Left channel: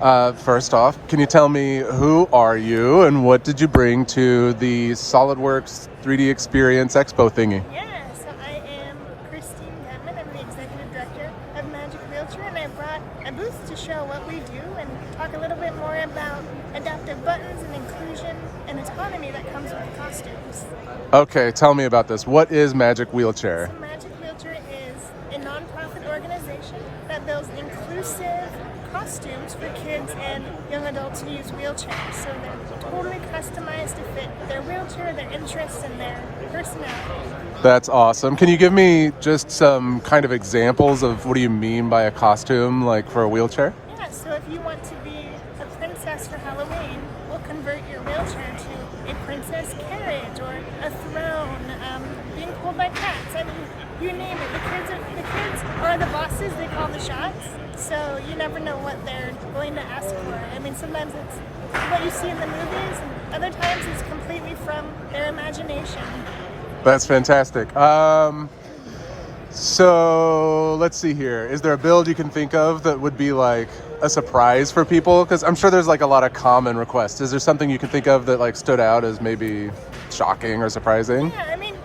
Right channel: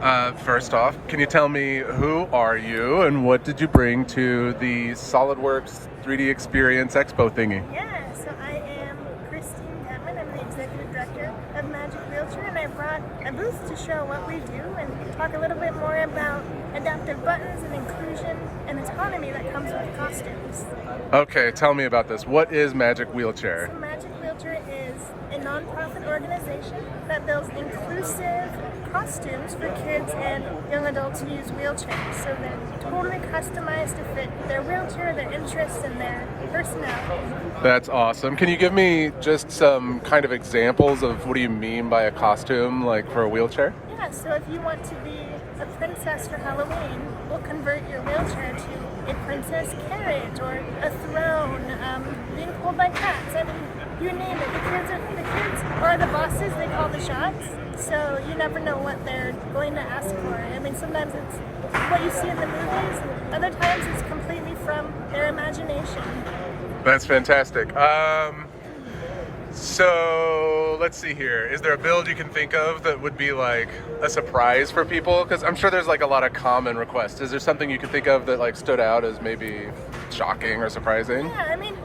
First off, can you tell me who are you and what did you bring to the SolidWorks 3D Experience Expo thingy? Yeah, so I am Christine Denman. I'm the Executive Director of Magic Wheelchair, and I brought a booth to show what we do and talk a little bit more about adaptive buttons and inclusion and autonomy that comes with costumes. Okay, tell me about this. What is Magic Wheelchair? So Magic Wheelchair is a nonprofit organization that builds inclusive costumes for kids and young adults who use wheelchairs. So they're totally customized to fit their wheelchair, their interests, and their personality. That's awesome. Can you give me just some kind of examples of what do you mean by a costume, like for a wheelchair? Yeah, so if you want to be a princess for Halloween, we'll convert your wheelchair to a princess carriage or a throne, being pulled by cats. I mean, you name it. The kids are the bosses, they call the shots, so you never know what they're going to ask for. I mean, sometimes it's what you see in the movies, and other times it's completely from their imagination. That's fantastic. So let's see here. Is there a build you can think of that would be like a surprise for people? Because I'm sure there's like a lot of common requests. Is there something you can think of that like stood out as maybe shocking or surprising? Yeah, I mean,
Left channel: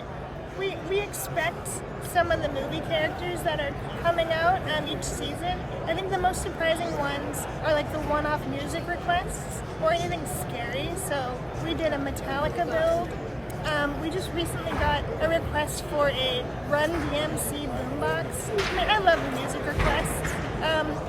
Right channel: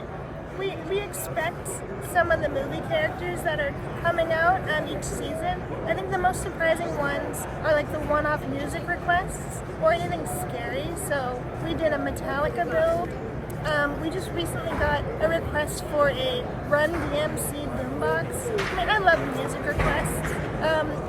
we expect some of the movie characters that are coming out each season. I think the most surprising ones are like the one-off music requests or anything scary. So we did a Metallica build. We just recently got a request for a Run DMC boombox. I mean, I love music requests.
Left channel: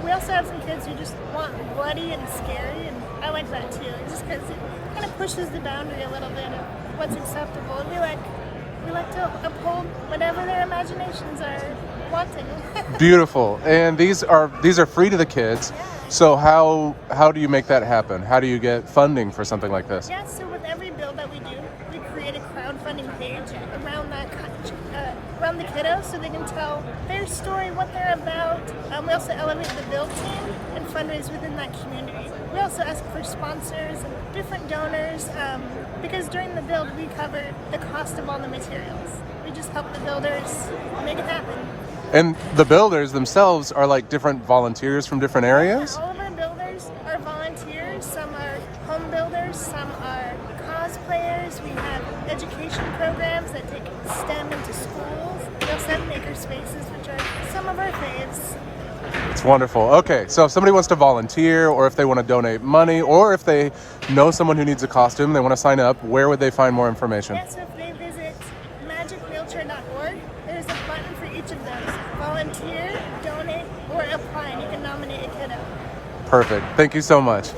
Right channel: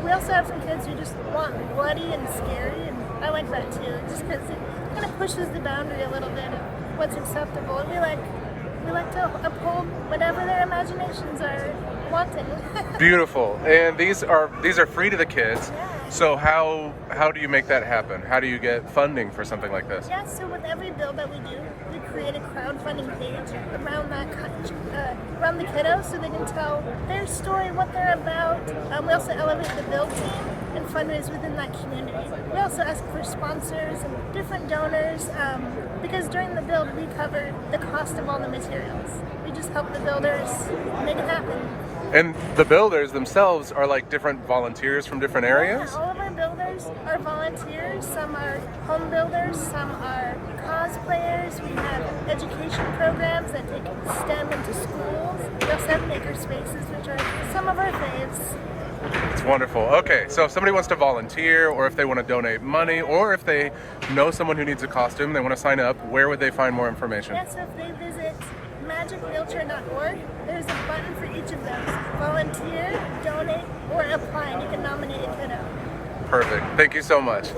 We also have some kids who just want bloody and scary, and I like that too, just because it kind of pushes the boundary a little bit of what's acceptable. And we like to uphold whatever their imaginations are wanting. Beautiful. And these are free to the kids. Yeah. So how do you make that happen? How do you get funding for something like this? Yeah, so with every build that we do, we create a crowdfunding page around around the kiddos so they can tell their story, what they're about. We also elevate the build team and fundraise within that community. We also ask for sponsors and different donors because during the build we cover the cost of all the materials. We just help the builders make it happen. And the builders themselves are like different volunteers from different areas? Yeah, all of our builders are volunteers. Some are home builders, some are cosplayers. We have education programs that take STEM into schools. We also have maker spaces, which are some of our faves. It's wonderful. Okay, so if somebody wants to volunteer or if they want to donate money or if they know someone who needs a costume, they want to sign up, where would they find more information? Yeah, so if they visit magicwheelchair.org, there's a button for each of those. Volunteer, donate, or apply, and you can nominate a kiddo. Perfect. Thank you so much.